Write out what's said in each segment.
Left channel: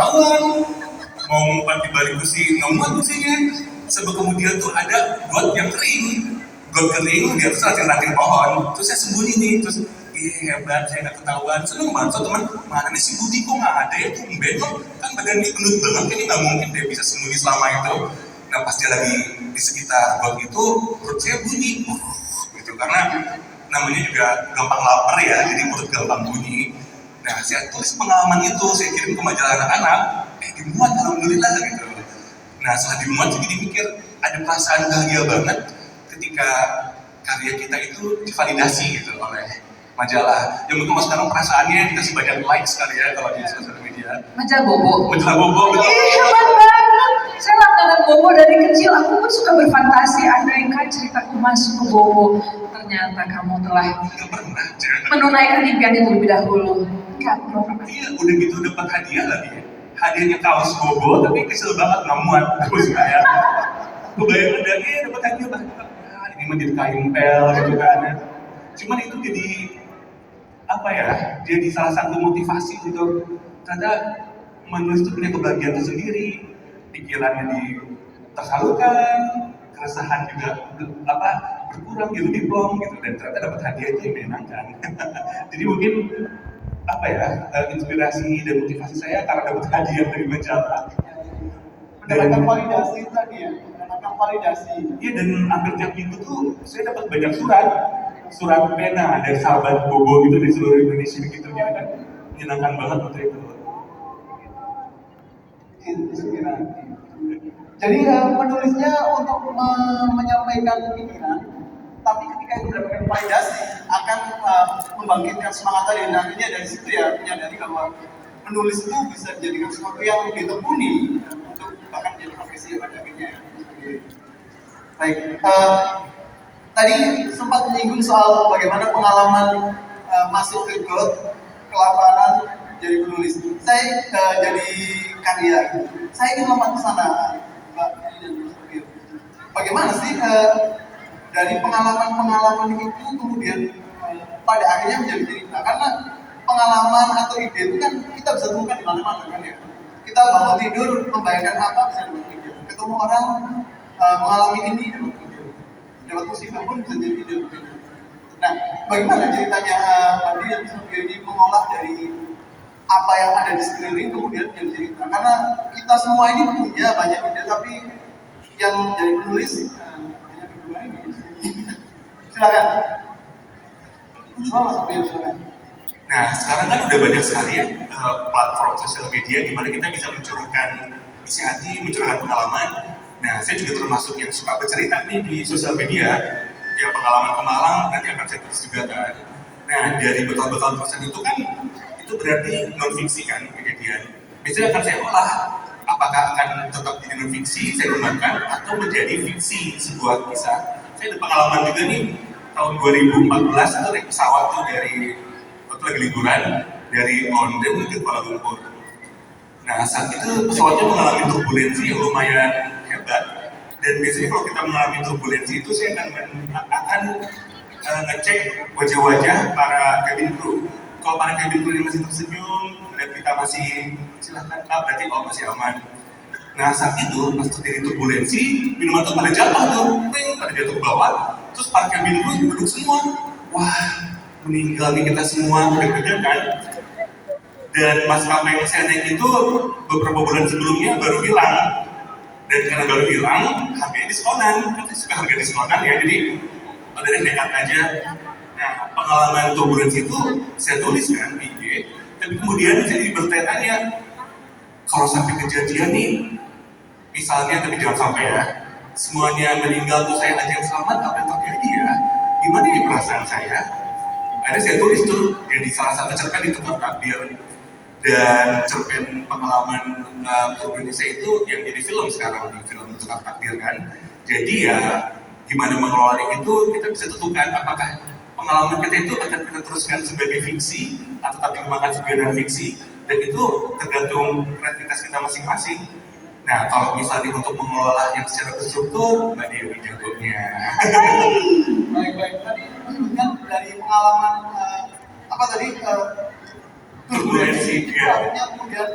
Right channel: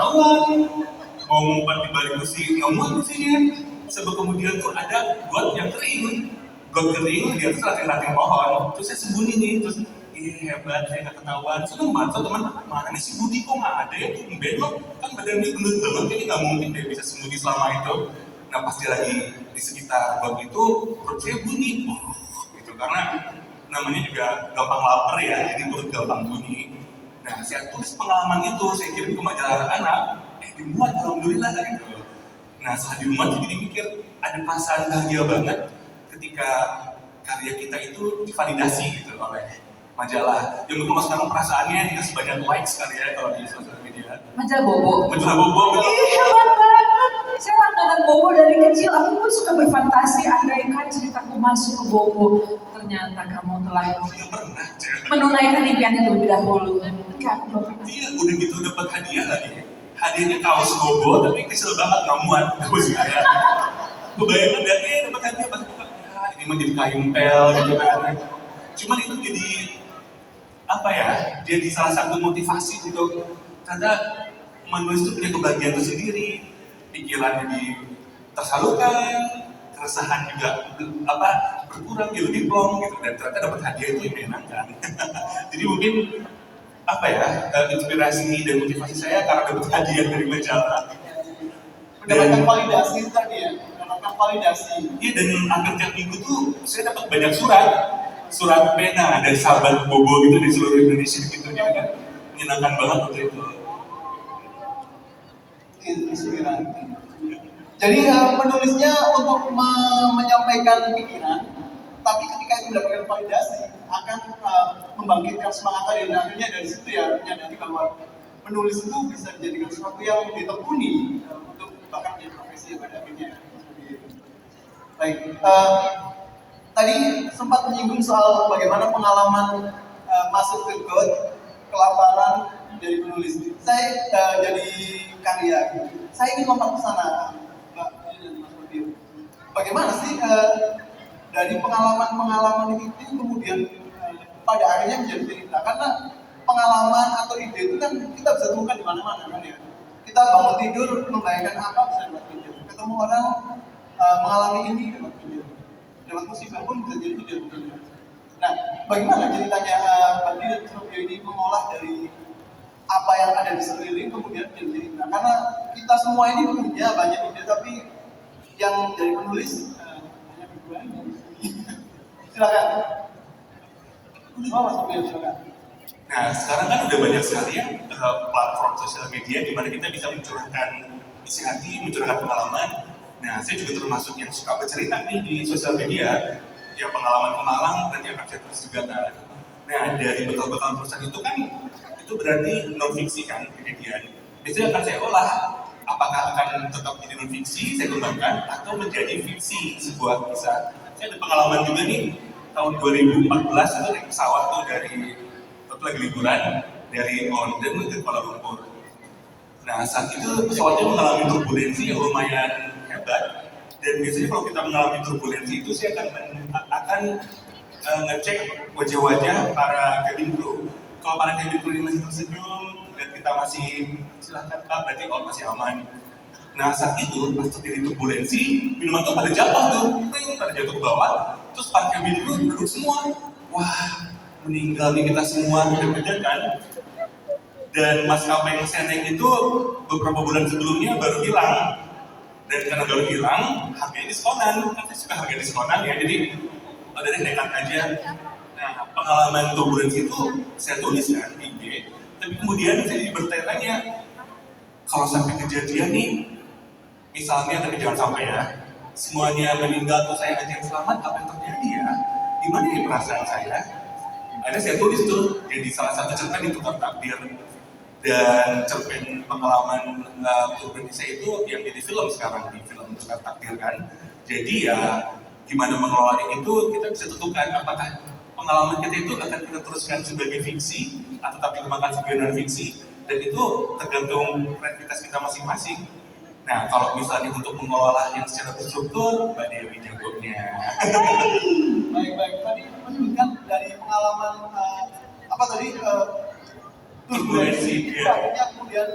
ketahuan. Mau ngumpat di balik kursi, nggak muat kursinya. Sebab kemudian tuh ada got yang kering. Got kering, dia tuh ranting-ranting pohon. Terus saya sembunyi nih, terus hebat, saya nggak ketahuan. Seneng banget, so teman, mana nih si Budi kok nggak ada ya tuh, loh. Kan badan dia gendut banget, kayaknya nggak mungkin dia bisa sembunyi selama itu. Nah pas dia lagi di sekitar got itu, perut saya bunyi, gitu. Karena namanya juga gampang lapar ya, jadi perut gampang bunyi. Nah saya tulis pengalaman itu, saya kirim ke majalah anak-anak, dimuat alhamdulillah gitu. Nah setelah dimuat saya jadi mikir, ada perasaan bahagia banget ketika karya kita itu divalidasi gitu oleh majalah. Ya mungkin sekarang perasaannya dikasih banyak likes kali ya kalau di sosial media. Majalah Bobo. Majalah Bobo, betul. Hebat banget. Saya langganan Bobo dari kecil. Aku pun suka berfantasi. Andaikan ceritaku masuk ke Bobo, ternyata kamu telah menunaikan impian itu lebih dahulu. Enggak, belum pernah. Iya, udah gitu dapat hadiah lagi. Hadiahnya kaos Bobo, tapi kesel banget nggak muat. Terus kayak kebayangan dari dapat hadiah banget. Ini menjadi kain pel gitu kan. Cuman itu jadi apa ya? Jadi salah satu motivasi gitu. Karena menulis itu punya kebahagiaan tersendiri. Pikirannya tersalurkan, keresahan juga berkurang, jadi lebih plong gitu. Dan ternyata dapat hadiah itu yang menyenangkan. Jadi mungkin apa ya, inspirasi dan motivasi saya karena dapat hadiah dari majalah. Mendapatkan validasi tadi ya, mendapatkan validasi. Iya, dan akhir tiap minggu tuh saya dapat banyak surat pena dari sahabat Bobo gitu di seluruh Indonesia gitu, jadi kan menyenangkan banget waktu itu. Inspirasi. Jadi menulisnya untuk menyampaikan pikiran, tapi ketika itu mendapatkan validasi akan membangkitkan semangat tadi. Dan akhirnya dari situ ya menyadari bahwa menulis itu bisa dijadikan sesuatu yang ditekuni untuk bahkan menjadi profesi pada akhirnya. Baik, tadi sempat menyinggung soal bagaimana pengalaman masuk ke got, kelaparan, jadi penulis. Saya jadi karya. Saya ingin lompat ke sana, Mbak Dini dan Mas Rufir. Bagaimana sih dari pengalaman-pengalaman itu kemudian pada akhirnya menjadi cerita? Karena pengalaman atau ide itu kan kita bisa temukan di mana-mana kan ya. Kita bangun tidur membayangkan apa bisa dapat ide. Ketemu orang mengalami ini dapat ide. Dapat musibah pun bisa jadi ide. Nah, bagaimana ceritanya Mbak Dini dan Mas Rufir ini mengolah dari apa yang ada di sekeliling kemudian menjadi cerita? Karena kita semua ini punya banyak ide, tapi yang jadi penulis hanya berdua ini. Silakan. Mas Rufir, silakan. Nah, sekarang kan udah banyak sekali ya platform sosial media di mana kita bisa mencurahkan isi hati, mencurahkan pengalaman. Nah, saya juga termasuk yang suka bercerita nih di sosial media. Ya pengalaman ke Malang nanti akan saya tulis juga kan. Nah, dari bekal-bekal tulisan itu kan itu berarti non fiksi kan kejadian. Biasanya akan saya olah. Apakah akan tetap jadi non fiksi, saya kembangkan, atau menjadi fiksi sebuah kisah. Saya ada pengalaman juga nih tahun 2014 itu naik pesawat tuh dari waktu lagi liburan dari London menuju Kuala Lumpur. Nah saat itu pesawatnya mengalami turbulensi yang lumayan hebat. Dan biasanya kalau kita mengalami turbulensi itu saya akan ngecek wajah-wajah para cabin crew. Kalau para cabin crew ini masih tersenyum, lihat kita masih silahkan Kak, berarti masih aman. Nah saat itu pas terjadi turbulensi, minuman tuh pada jatuh tuh, pada jatuh ke bawah. Terus para cabin crew duduk semua. Wah, meninggal nih kita semua, deg-degan kan. Dan maskapai yang saya naik itu beberapa bulan sebelumnya baru hilang. Dan karena baru hilang, harganya diskonan. Kan saya suka harga diskonan ya, jadi ada nekat aja. Nah, pengalaman turbulensi itu saya tulis kan di IG, tapi kemudian saya jadi bertanya-tanya, kalau sampai kejadian nih, misalnya, tapi jangan sampai ya, semuanya meninggal tuh saya aja yang selamat, apa yang terjadi ya? Gimana ya perasaan saya? Akhirnya saya tulis tuh, jadi salah satu cerpen itu Tukar Takdir. Dan cerpen pengalaman Indonesia itu yang jadi film sekarang, di film Tukar Takdir kan. Jadi ya, gimana mengelolanya itu kita bisa tentukan apakah pengalaman kita itu akan kita teruskan sebagai fiksi atau tetap dikembangkan sebagai non-fiksi. Dan itu tergantung kreativitas kita masing-masing. Nah, kalau misalnya untuk mengelola yang secara terstruktur, Mbak Dewi jagonya. Baik-baik. Tadi menyebutkan dari pengalaman apa tadi? Turbulensi, ya. Kemudian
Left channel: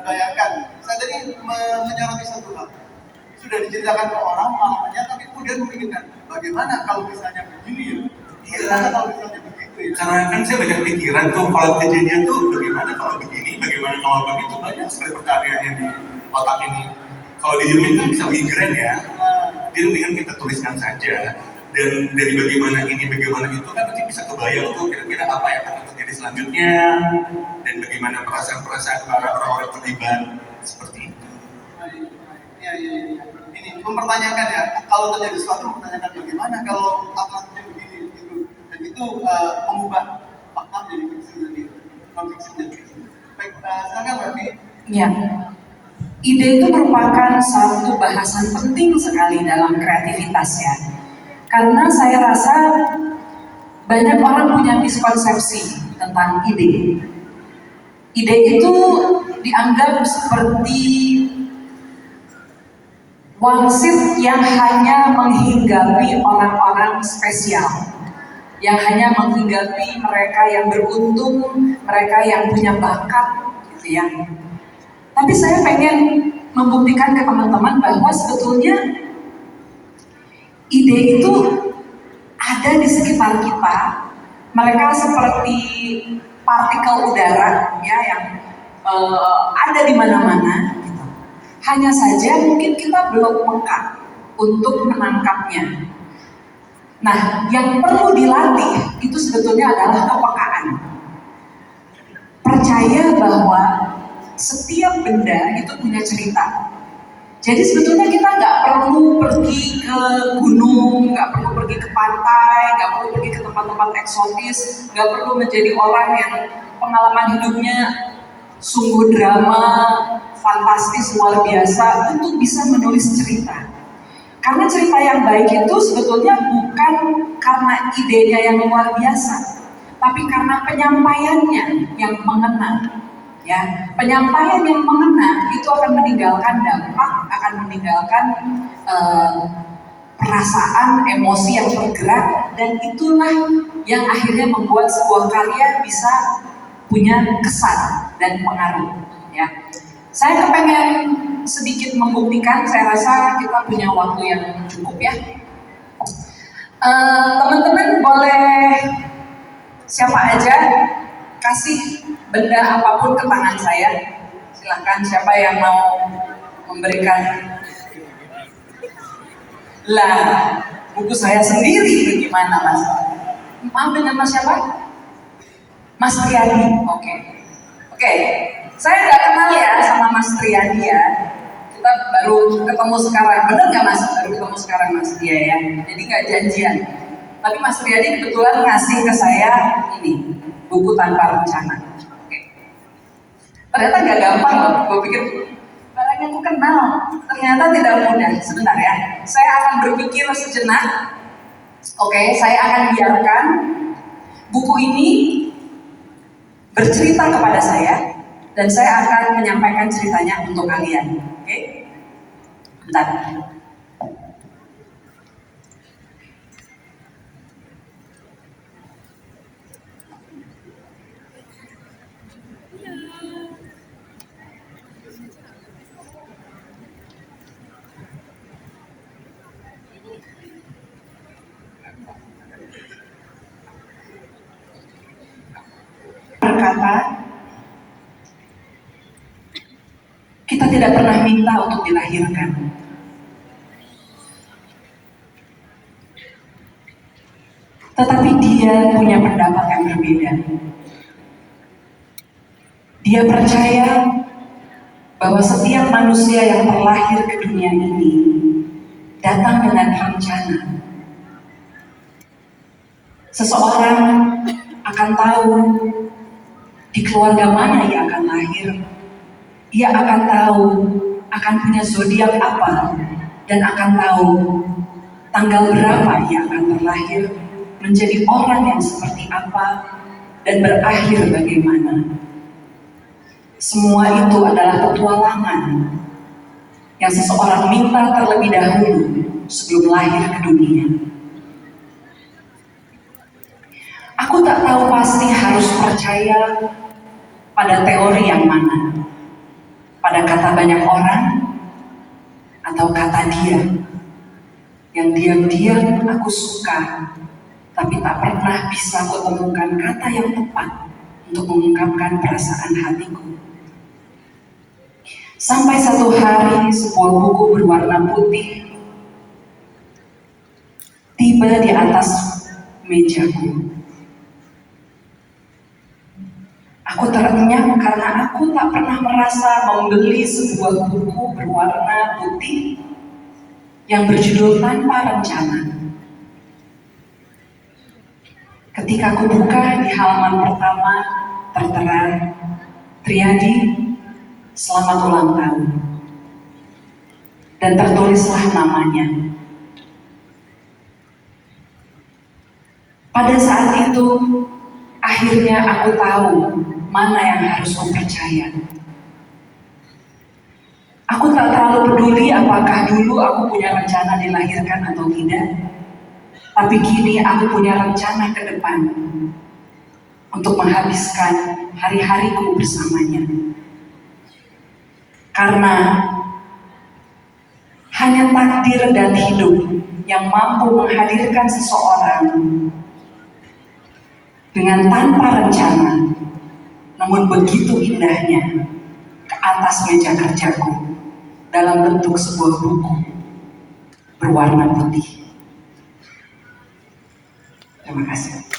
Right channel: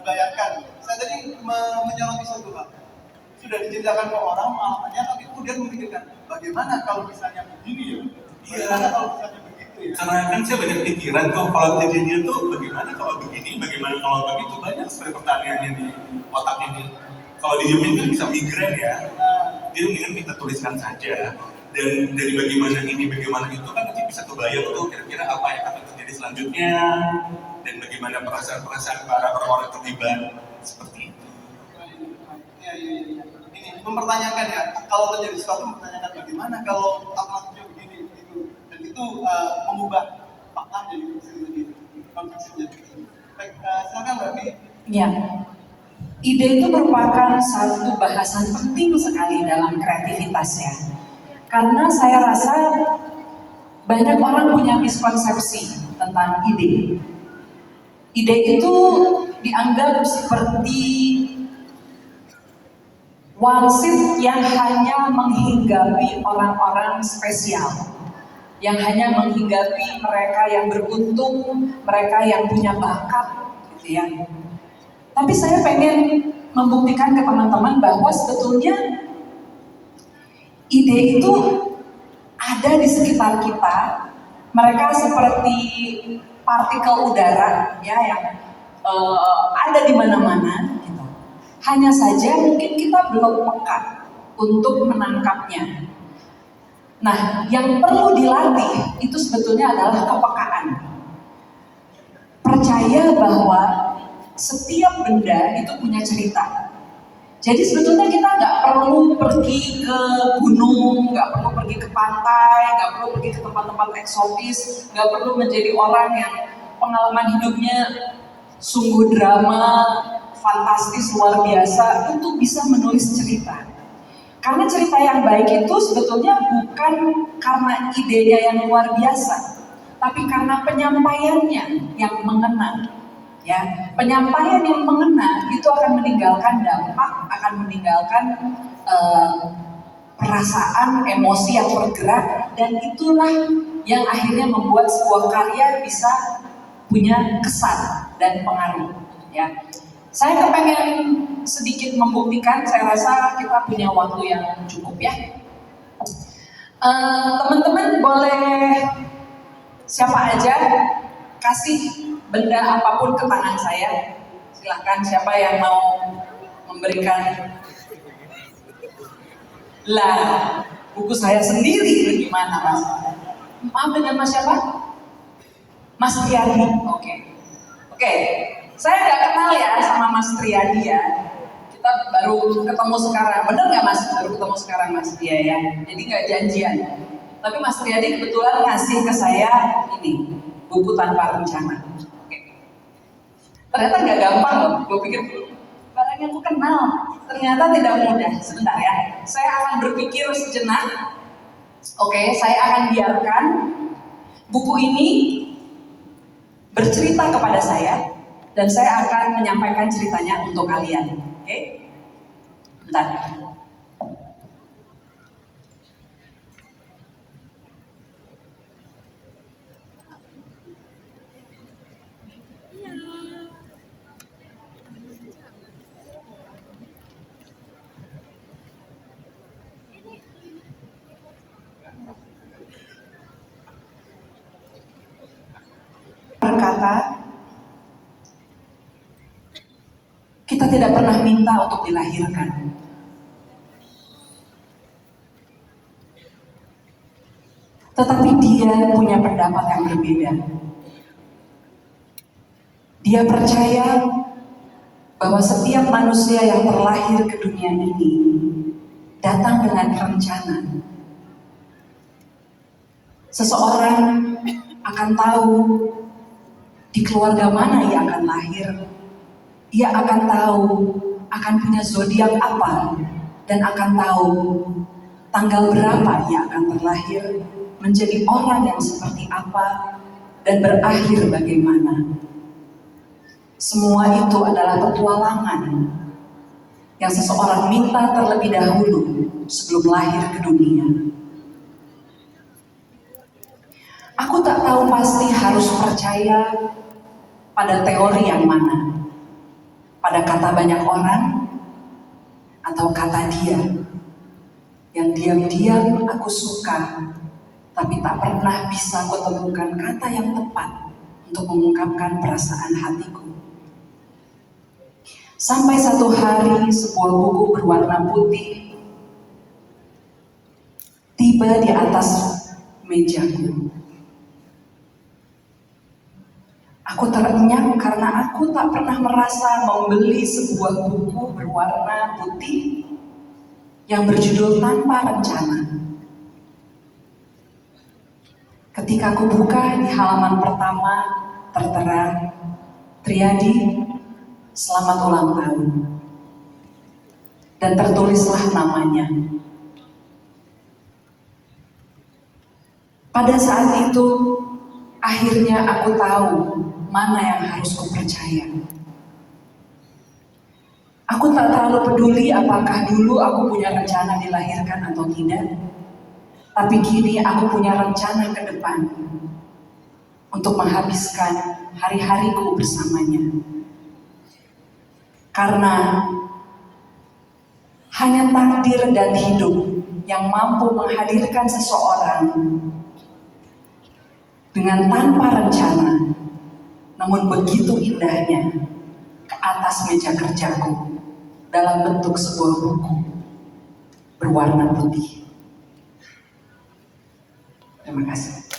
dibayangkan. Saya tadi menyoroti satu hal. Sudah diceritakan ke orang pengalamannya, tapi kemudian memikirkan bagaimana kalau misalnya begini ya? Bagaimana kalau misalnya begitu ya? Karena kan saya banyak pikiran tuh kalau kejadian tuh bagaimana kalau begini, bagaimana kalau begitu, banyak sekali pertanyaannya di otak ini. Kalau didiemin kan bisa migren ya. Jadi mendingan kita tuliskan saja. Dan dari bagaimana ini, bagaimana itu kan nanti bisa kebayang tuh kira-kira apa yang akan terjadi selanjutnya dan bagaimana perasaan-perasaan para orang-orang terlibat seperti itu. Iya. Ini mempertanyakan ya, kalau terjadi sesuatu mempertanyakan bagaimana kalau alternatifnya begini gitu. Dan itu mengubah fakta menjadi fiksi tadi, non-fiksi menjadi fiksi. Baik, silakan Mbak Mi. Ya, ide itu merupakan satu bahasan penting sekali dalam kreativitas ya. Karena saya rasa banyak orang punya miskonsepsi tentang ide. Ide itu dianggap seperti wangsit yang hanya menghinggapi orang-orang spesial, yang hanya menghinggapi mereka yang beruntung, mereka yang punya bakat, gitu ya. Tapi saya pengen membuktikan ke teman-teman bahwa sebetulnya ide itu ada di sekitar kita. Mereka seperti partikel udara ya yang ada di mana-mana. Gitu. Hanya saja mungkin kita belum peka untuk menangkapnya. Nah, yang perlu dilatih itu sebetulnya adalah kepekaan. Percaya bahwa setiap benda itu punya cerita. Jadi sebetulnya kita nggak perlu pergi ke gunung, nggak perlu pergi ke pantai, nggak perlu pergi ke tempat-tempat eksotis, nggak perlu menjadi orang yang pengalaman hidupnya sungguh drama, fantastis, luar biasa untuk bisa menulis cerita. Karena cerita yang baik itu sebetulnya bukan karena idenya yang luar biasa, tapi karena penyampaiannya yang mengena. Ya, penyampaian yang mengena itu akan meninggalkan dampak, akan meninggalkan perasaan, emosi yang bergerak, dan itulah yang akhirnya membuat sebuah karya bisa punya kesan dan pengaruh. Ya, saya pengen sedikit membuktikan. Saya rasa kita punya waktu yang cukup ya. Teman-teman boleh siapa aja kasih benda apapun ke tangan saya. Silahkan siapa yang mau memberikan. Lah, buku saya sendiri gimana Mas? Maaf, dengan Mas siapa? Mas Triadi. Oke. Saya nggak kenal ya sama Mas Triadi ya. Kita baru ketemu sekarang. Bener nggak Mas? Baru ketemu sekarang Mas dia ya. Jadi nggak janjian. Tapi Mas Triadi kebetulan ngasih ke saya ini buku tanpa rencana. Ternyata nggak gampang loh, gue pikir barang yang aku kenal, ternyata tidak mudah. Sebentar ya, saya akan berpikir sejenak. Oke, saya akan biarkan buku ini bercerita kepada saya, dan saya akan menyampaikan ceritanya untuk kalian. Oke, bentar. Berkata, kita tidak pernah minta untuk dilahirkan. Tetapi dia punya pendapat yang berbeda. Dia percaya bahwa setiap manusia yang terlahir ke dunia ini datang dengan rencana. Seseorang akan tahu di keluarga mana ia akan lahir. Ia akan tahu akan punya zodiak apa, dan akan tahu tanggal berapa ia akan terlahir, menjadi orang yang seperti apa, dan berakhir bagaimana. Semua itu adalah petualangan yang seseorang minta terlebih dahulu sebelum lahir ke dunia. Aku tak tahu pasti harus percaya pada teori yang mana. pada kata banyak orang atau kata dia yang diam-diam aku suka, tapi tak pernah bisa kutemukan kata yang tepat untuk mengungkapkan perasaan hatiku. Sampai satu hari sebuah buku berwarna putih tiba di atas mejaku. Aku terenyah karena aku tak pernah merasa membeli sebuah buku berwarna putih yang berjudul Tanpa Rencana. Ketika aku buka di halaman pertama tertera Triadi, selamat ulang tahun. Dan tertulislah namanya. Pada saat itu, akhirnya aku tahu mana yang harus ku percaya. Aku tak terlalu peduli apakah dulu aku punya rencana dilahirkan atau tidak. Tapi kini aku punya rencana ke depan untuk menghabiskan hari-hariku bersamanya. Karena hanya takdir dan hidup yang mampu menghadirkan seseorang dengan tanpa rencana, namun begitu indahnya, ke atas meja kerjaku dalam bentuk sebuah buku berwarna putih. Terima kasih.